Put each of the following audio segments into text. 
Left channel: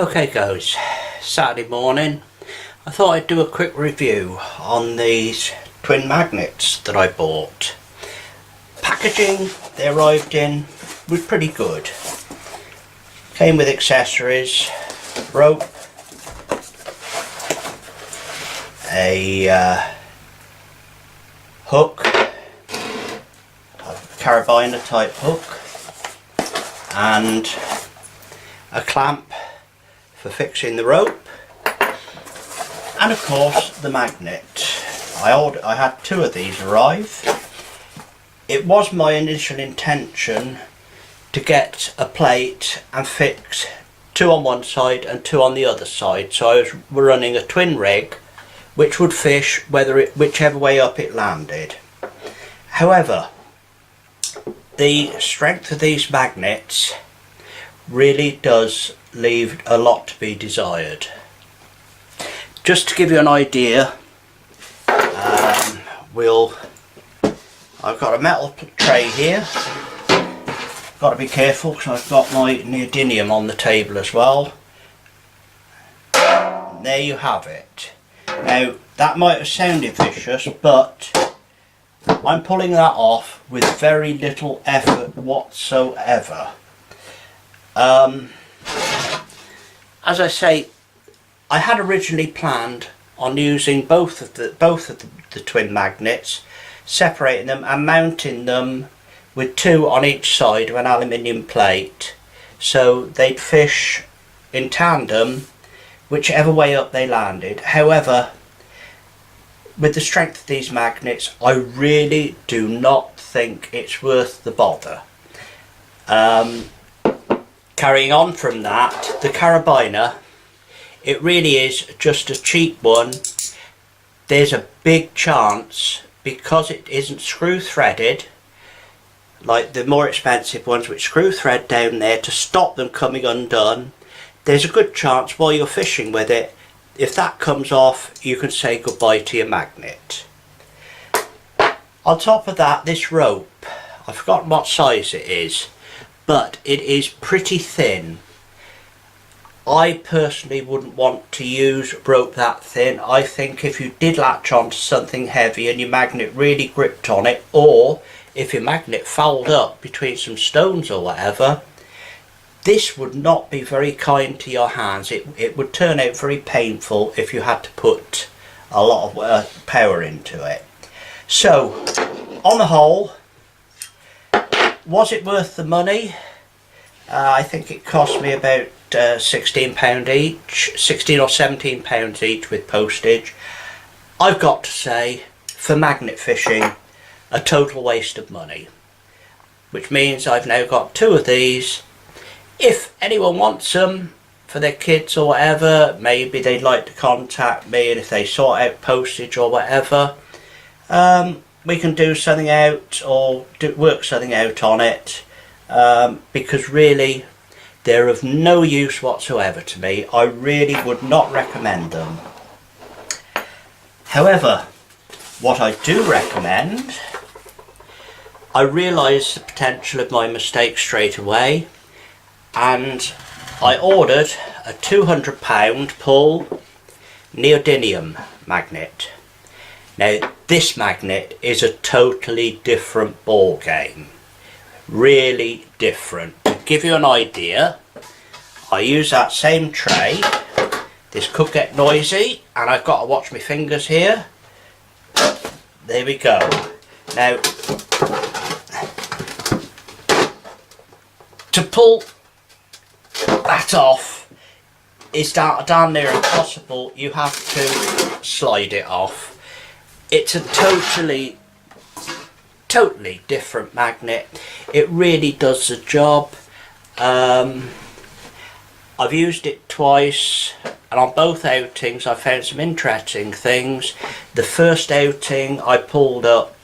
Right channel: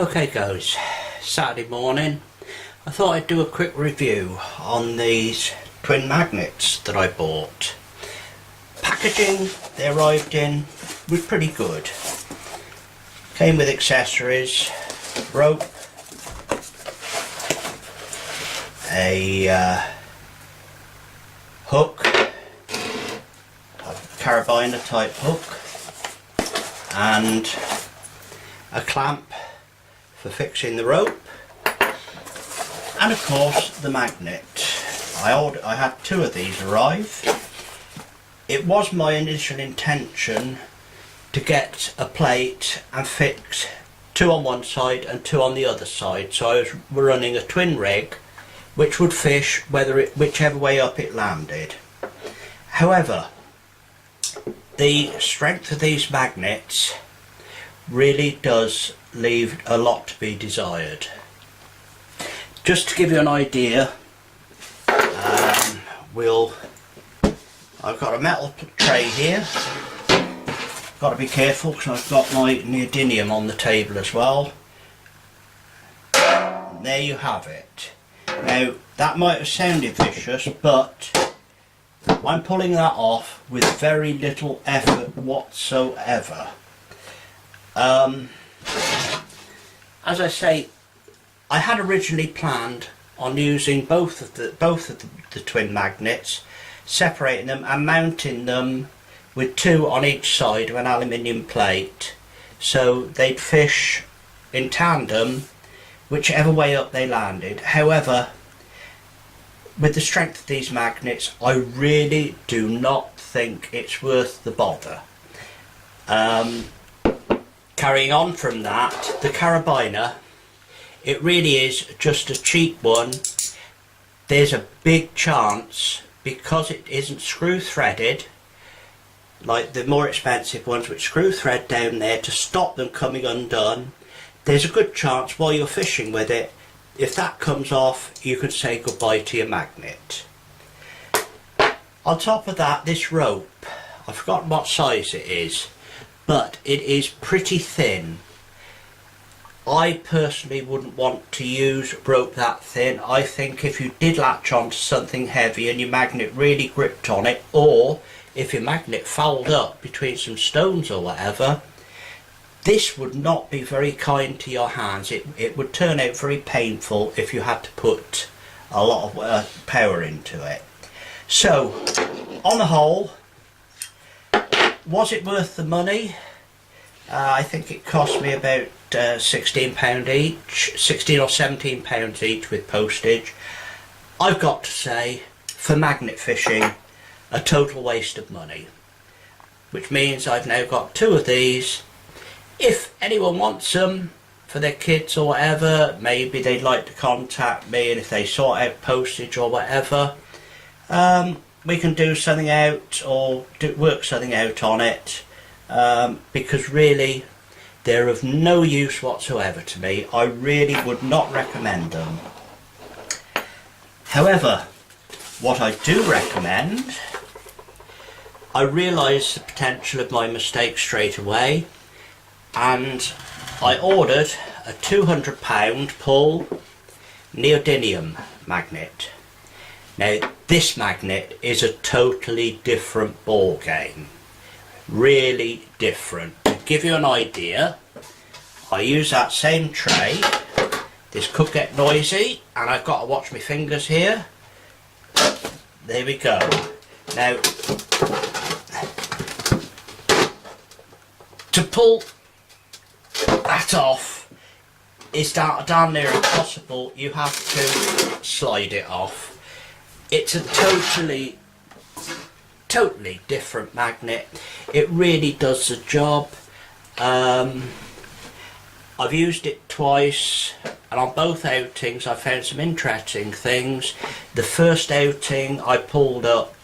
Okay guys, Saturday morning. I thought I'd do a quick review on these twin magnets that I bought. Packaging they arrived in was pretty good. Came with accessories, rope, a hook, a carabiner type hook, and a clamp for fixing the rope, and of course the magnet. I had two of these arrive. It was my initial intention to get a plate and fix two on one side and two on the other side, so I was running a twin rig which would fish whichever way up it landed. However, the strength of these magnets really does leave a lot to be desired. Just to give you an idea, I've got a metal tray here. Got to be careful because I've got my neodynium on the table as well. And there you have it. Now that might have sounded vicious, but I'm pulling that off with very little effort whatsoever. As I say, I had originally planned on using both of the twin magnets, separating them and mounting them with two on each side of an aluminium plate, so they'd fish in tandem whichever way up they landed. However, with the strength of these magnets, I really do not think it's worth the bother. Carrying on from that, the carabiner, it really is just a cheap one. There's a big chance, because it isn't screw threaded like the more expensive ones which screw thread down there to stop them coming undone, there's a good chance while you're fishing with it, if that comes off, you can say goodbye to your magnet. On top of that, this rope, I've forgotten what size it is, but it is pretty thin. I personally wouldn't want to use rope that thin. I think if you did latch on to something heavy and your magnet really gripped on it, or if your magnet fouled up between some stones or whatever, this would not be very kind to your hands. It would turn out very painful if you had to put a lot of power into it. So, on the whole, was it worth the money? I think it cost me about £16 each, £16 or £17 each with postage. I've got to say, for magnet fishing, a total waste of money. Which means I've now got two of these. If anyone wants them for their kids or whatever, maybe they'd like to contact me, and if they sort out postage or whatever, we can do something out or work something out on it, because really they're of no use whatsoever to me. I really would not recommend them. However, what I do recommend, I realised the potential of my mistake straight away, and I ordered a £200 pull neodynium magnet. Now this magnet is a totally different ball game, really different. To give you an idea, I use that same tray. This could get noisy and I've got to watch my fingers here. There we go. Now to pull that off is damn near impossible. You have to slide it off. It's a totally different magnet. It really does the job. I've used it twice, and on both outings I found some interesting things. The first outing I pulled up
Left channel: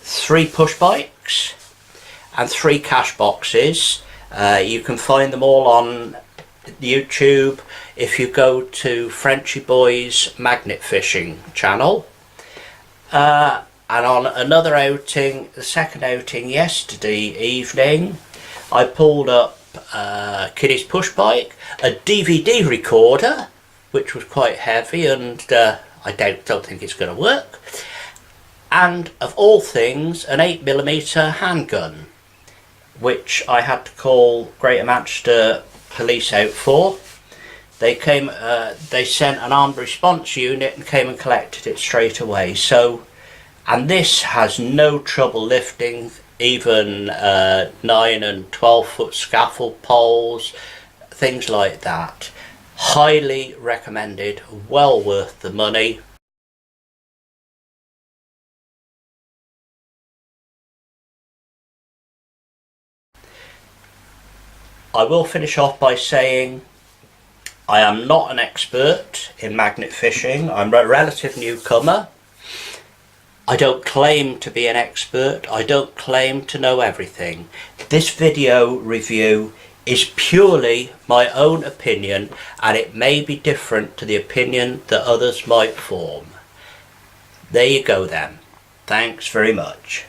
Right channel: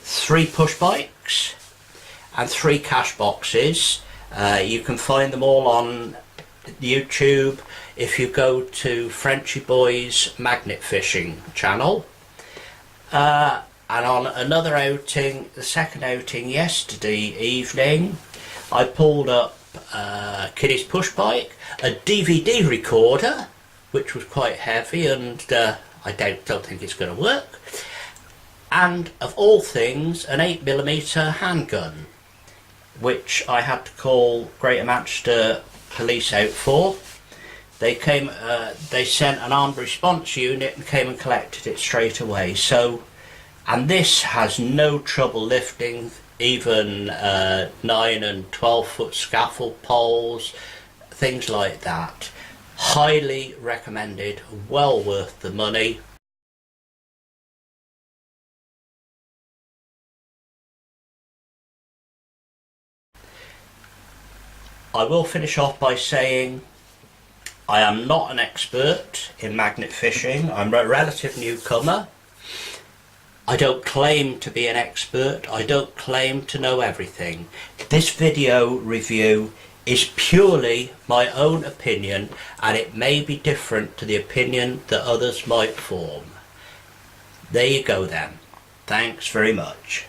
3 push bikes and 3 cash boxes. You can find them all on YouTube if you go to Frenchy Boy's magnet fishing channel. And on another outing, the second outing yesterday evening, I pulled up kiddie's push bike, a DVD recorder, which was quite heavy and I don't think it's going to work, and of all things an 8mm handgun, which I had to call Greater Manchester Police out for. They came, they sent an armed response unit and came and collected it straight away. So, and this has no trouble lifting even 9 and 12 foot scaffold poles, things like that. Highly recommended, well worth the money. I will finish off by saying I am not an expert in magnet fishing. I'm a relative newcomer. I don't claim to be an expert. I don't claim to know everything. This video review is purely my own opinion, and it may be different to the opinion that others might form. There you go then. Thanks very much.